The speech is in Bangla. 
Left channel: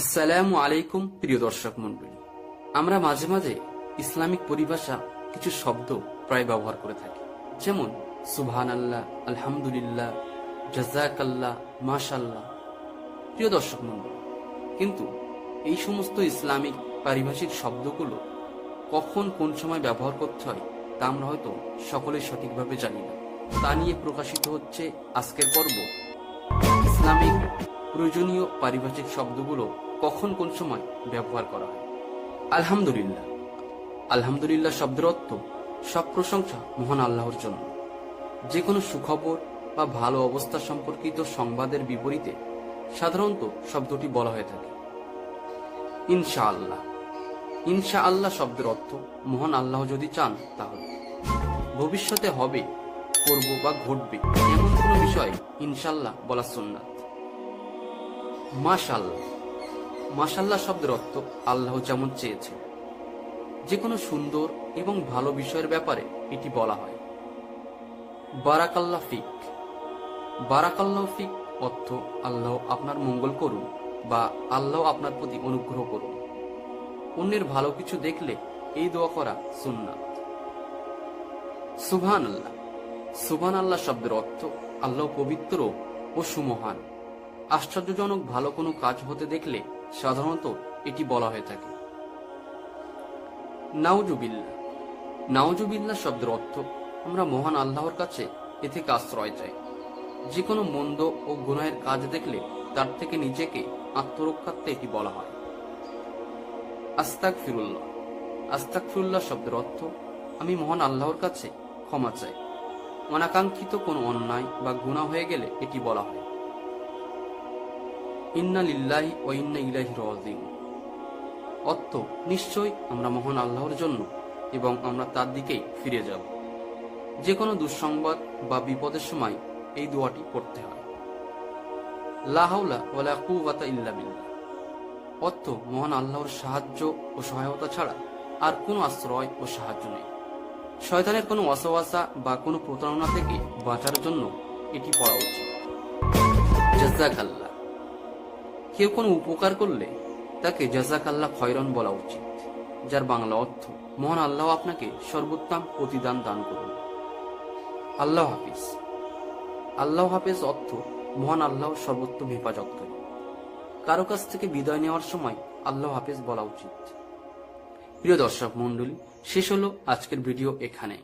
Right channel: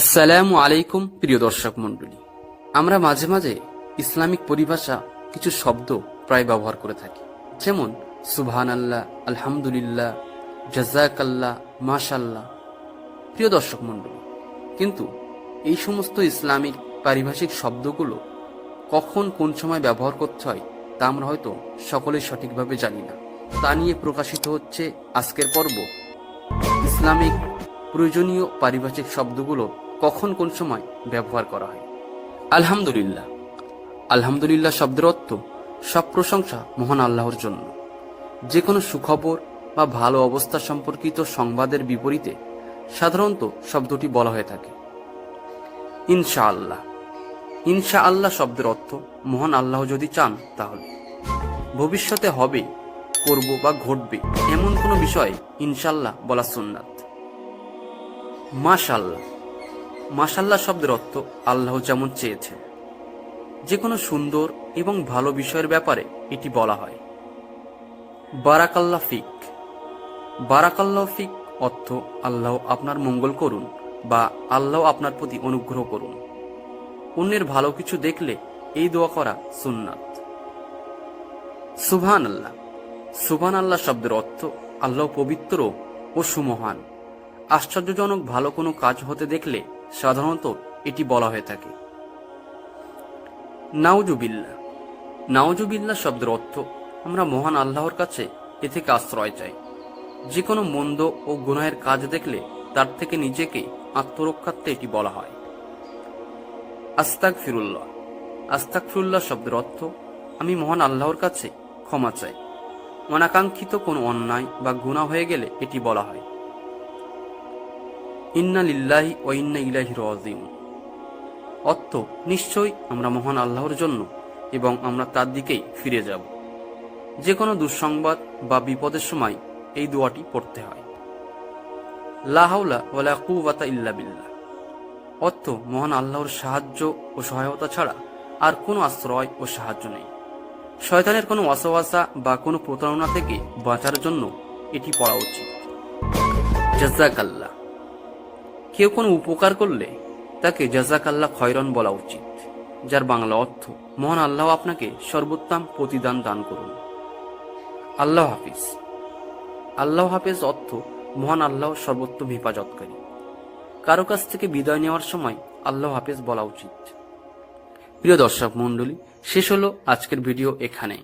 আসসালামু আলাইকুম, প্রিয় দর্শক মণ্ডলী। আমরা মাঝে মাঝে ইসলামিক পরিভাষা কিছু শব্দ প্রায় ব্যবহার করে থাকি। যেমন সুবহান আল্লাহ আলহামদুলিল্লাহ, জাজাকাল্লাহ, মাশাল্লাহ। প্রিয় দর্শক মণ্ডলী, কিন্তু এই সমস্ত ইসলামিক পারিভাষিক শব্দগুলো কখন কোন সময় ব্যবহার করতে হয়, তা আমরা হয়তো সকলেই সঠিকভাবে জানি না। তা নিয়ে প্রকাশিত হচ্ছে আজকের পর্ব। ইসলামিক প্রয়োজনীয় পারিভাষিক শব্দগুলো কখন কোন সময় ব্যবহার করা হয়? আলহামদুলিল্লাহ। আলহামদুলিল্লাহ শব্দের অর্থ সব প্রশংসা মহান আল্লাহর জন্য। যে কোনো সুখবর বা ভালো অবস্থা সম্পর্কিত সংবাদের বিপরীতে সাধারণত শব্দটি বলা হয়ে থাকে। ইনশা আল্লাহ ইনশা আল্লাহ শব্দের অর্থ মহান আল্লাহ যদি চান তাহলে। ভবিষ্যতে হবে, করব বা ঘটবে এমন কোনো বিষয়ে ইনশাল্লাহ বলা সুন্নাত। মাশাল্লাহ মাশাল্লাহ শব্দের অর্থ আল্লাহ যেমন চেয়েছে যে কোনো সুন্দর এবং ভালো বিষয়ের ব্যাপারে এটি বলা হয়। বারাকাল্লা ফিক। বারাকাল্লাহ ফিক অর্থ আল্লাহ আপনার মঙ্গল করুন বা আল্লাহ আপনার প্রতি অনুগ্রহ করুন। অন্যের ভালো কিছু দেখলে এই দোয়া করা সুন্নাত। সুভান আল্লাহ সুভান আল্লাহ শব্দের অর্থ আল্লাহ পবিত্র ও সুমহান। আশ্চর্যজনক ভালো কোনো কাজ হতে দেখলে সাধারণত এটি বলা হয়ে থাকে। নাউজুবিল্লা নাউজুবিল্লা শব্দের অর্থ, আমরা মহান আল্লাহর কাছে এ থেকে আশ্রয় চাই। যে কোনো মন্দ ও গুনাহের কাজ দেখলে তার থেকে নিজেকে আত্মরক্ষার্থে এটি বলা হয়। আস্তাক ফিরুল্লাহ আস্তাক ফিরুল্লাহ শব্দের অর্থ, আমি মহান আল্লাহর কাছে ক্ষমা চাই। অনাকাঙ্ক্ষিত কোনো অন্যায় বা গুণা হয়ে গেলে এটি বলা হয়। ইন্না লিল্লাহি ও ইন্না ইলাহি রাজিউন। অর্থ, নিশ্চয়ই আমরা মহান আল্লাহর জন্য এবং আমরা তার দিকেই ফিরে যাব। যে কোনো দুঃসংবাদ বা বিপদের সময় এই দোয়াটি পড়তে হয়। লাহাউলা ওয়ালা ইল্লা বিল্লাহ। অর্থ, মহান আল্লাহর সাহায্য ও সহায়তা ছাড়া আর কোনো আশ্রয় ও সাহায্য নেই। শয়তানের কোনো অসবাসা বা কোনো প্রতারণা থেকে বাঁচার জন্য এটি পড়া উচিত। জাজাক আল্লাহ কেউ কোনো উপকার করলে তাকে জাজাক আল্লাহ খয়রন বলা উচিত, যার বাংলা অর্থ, মহান আল্লাহ আপনাকে সর্বোত্তম প্রতিদান দান করুন। আল্লাহ হাফিজ। আল্লাহ হাফিজ অর্থ, মহান আল্লাহ সর্বোত্তম হেফাজতকারী। কারও কাছ থেকে বিদায় নেওয়ার সময় আল্লাহ হাফিজ বলা উচিত। প্রিয় দর্শক মণ্ডলী, শেষ হলো আজকের ভিডিও এখানে